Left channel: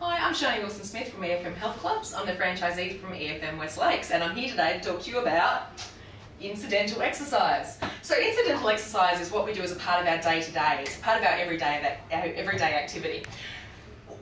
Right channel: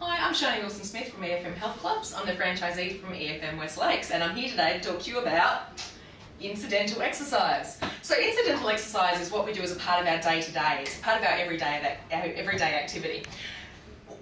Hi, I'm Sharni Smith from EFM Health Clubs. I'm the franchisee from EFM Westlakes, and I'm here today to talk to you about incidental exercise. So incidental exercise is what we do as a part of our day-to-day. It's a part of our everyday activity.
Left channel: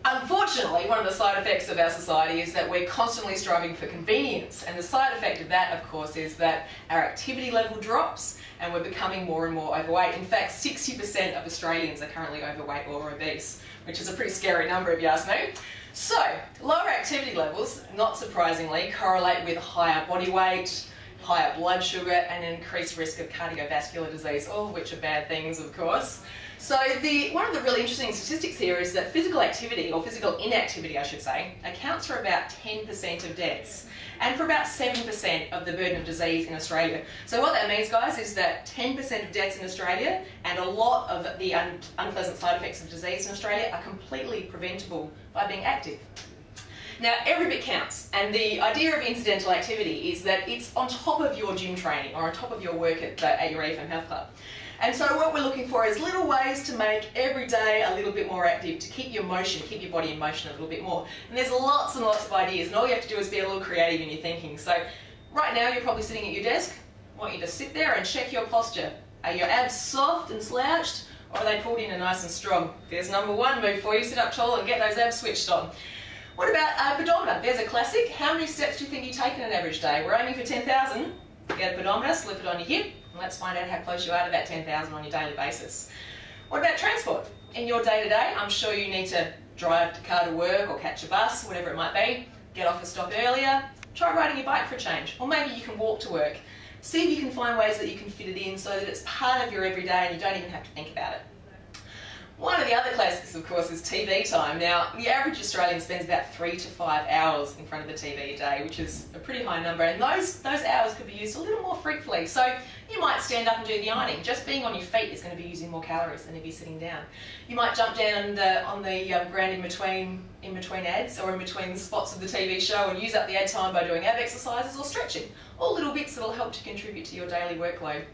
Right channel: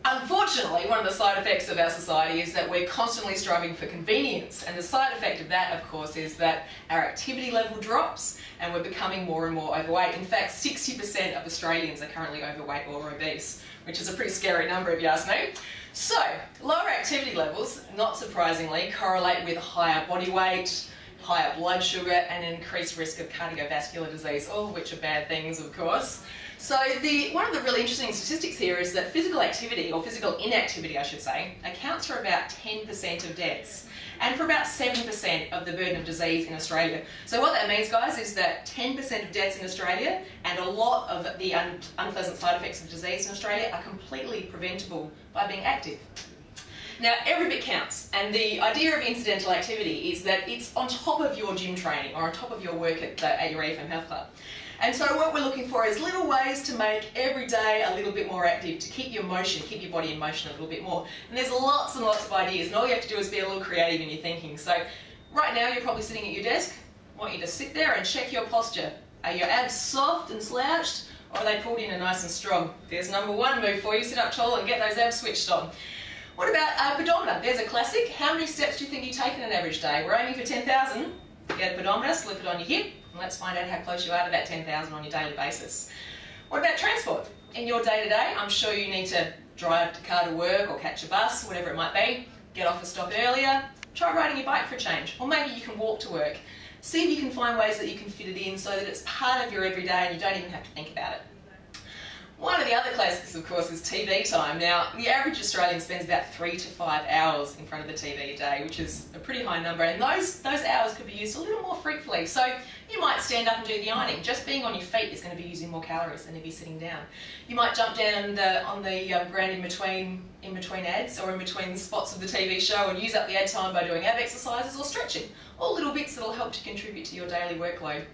Unfortunately, one of the side effects of our society is that we're constantly striving for convenience, and the side effect of that, of course, is that our activity level drops and we're becoming more and more overweight. In fact, 60% of Australians are currently overweight or obese, which is a pretty scary number if you ask me. So, lower activity levels, not surprisingly, correlate with higher body weight, higher blood sugar, and an increased risk of cardiovascular disease, all of which are bad things, of course. So one of the really interesting statistics here is that physical activity, or physical inactivity I should say, accounts for about 10% of deaths and for about 7% of the burden of disease in Australia. So what that means, guys, is that 10% of deaths in Australia and a lot of the unpleasant side effects of disease in Australia are completely preventable by being active. Now, every bit counts, and the idea of incidental activity is that it's on top of your gym training or on top of your work at your EFM Health Club. And so what we're looking for is little ways to make every day a little bit more active, to keep your motion, keep your body in motion a little bit more. And there's lots and lots of ideas, and all you have to do is be a little creative in your thinking. So right now you're probably sitting at your desk. I want you to sit there and check your posture. Are your abs soft and slouched, or are they pulled in and nice and strong? There's number one move for you. Sit up tall and get those abs switched on. What about a pedometer? There's a classic. How many steps do you think you take in an average day? We're aiming for 10,000. Get a pedometer, slip it on your hip, and let's find out how close you are to that 10,000 on your daily basis. What about transport? In your day-to-day, I'm sure you need to drive the car to work or catch a bus, whatever it might be. Get off a stop earlier. Try riding your bike for a change. Or maybe you can walk to work. See if you can find ways that you can fit it in so that it's part of your everyday and you don't even have to think about it. One of the other classics, of course, is TV time. Now, the average Australian spends about 3 to 5 hours in front of the TV a day, which is a pretty high number, and those hours could be used a little more fruitfully. So you might stand up and do the ironing. Just being on your feet is going to be using more calories than if you're sitting down. You might jump down on the ground in between ads or in between the spots of the TV show and use up the ad time by doing ab exercises or stretching. All little bits that will help to contribute to your daily workload.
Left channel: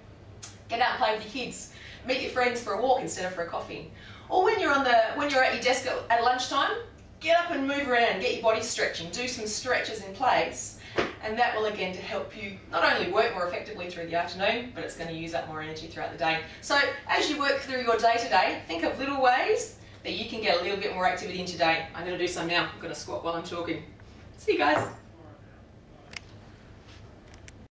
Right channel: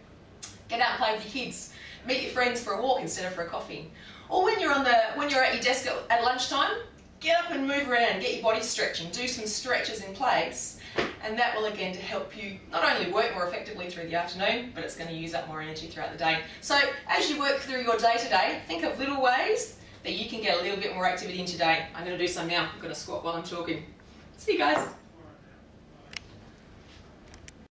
Get out and play with your kids. Meet your friends for a walk instead of for a coffee. Or when you're at your desk at lunchtime, get up and move around, get your body stretching, do some stretches in place, and that will again to help you not only work more effectively through the afternoon, but it's going to use up more energy throughout the day. So as you work through your day-to-day, think of little ways that you can get a little bit more activity in today. I'm going to do some now. I'm going to squat while I'm talking. See you guys.